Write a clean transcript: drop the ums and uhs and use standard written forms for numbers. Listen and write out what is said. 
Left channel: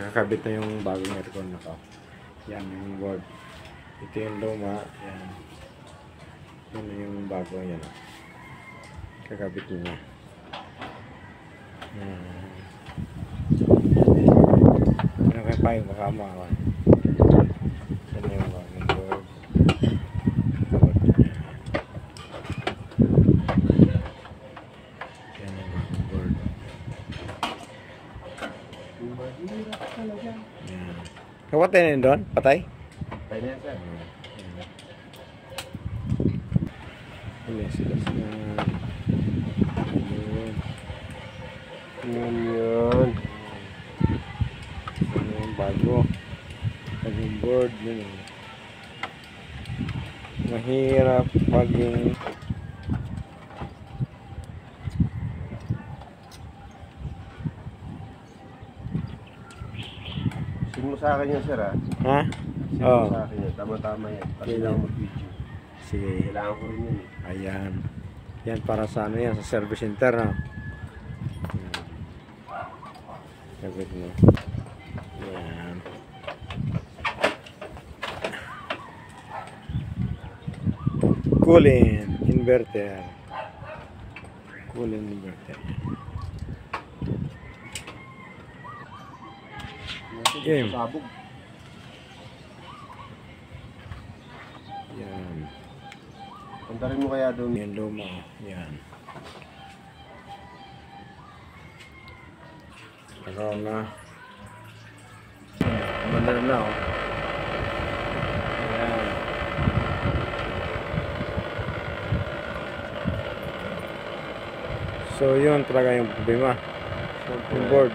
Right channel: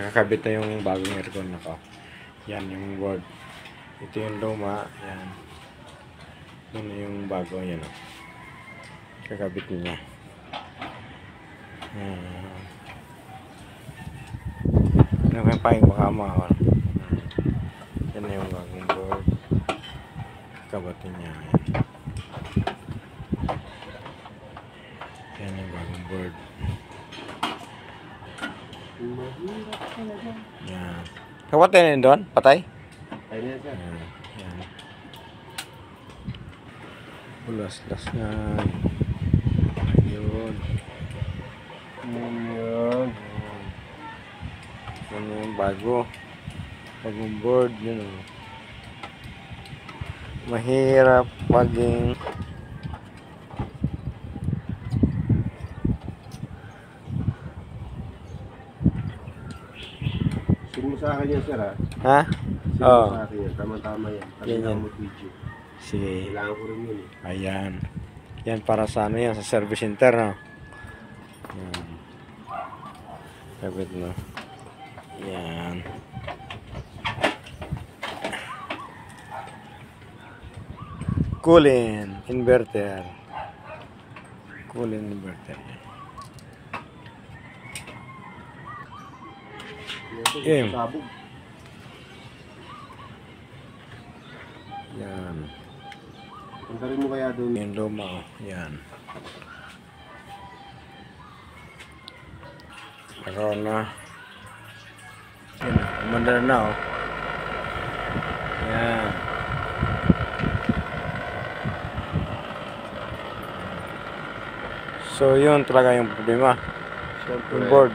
Nakakabit na yung bagong aircon nako. Yan yung board. Ito yung luma. Yan. Yan yung bago. Yan o. Kakabit niya. Ano kaya pa yung makama ako. Yan na yung bagong board. Kakabit niya. Yan yung bagong board. Yan. Kapatay na yun doon? Patay? Patay na yun, sir. Yan. Ulas-las nga. Ayun. Yun. Ano yung bago? Bagong board. Yun o. Mahirap maging Send mo sa akin yan, sir, ha? ha? Send mo sa akin yan. Tama-tama yan. Ganyan. Kailangan mag-video. Sige. Kailangan ko rin yun. Ayan. Yan para sa ano yan, sa service center, no? Yan. Sabit mo. Yan. Cooling inverter. Cooling inverter. Yan. Game. Sabog. Yan. Puntarin mo kaya doon. Yung luma, oh. Yan. Nakaroon na. Umandar na, oh. Yan. So, yun talaga yung problema. Yung board.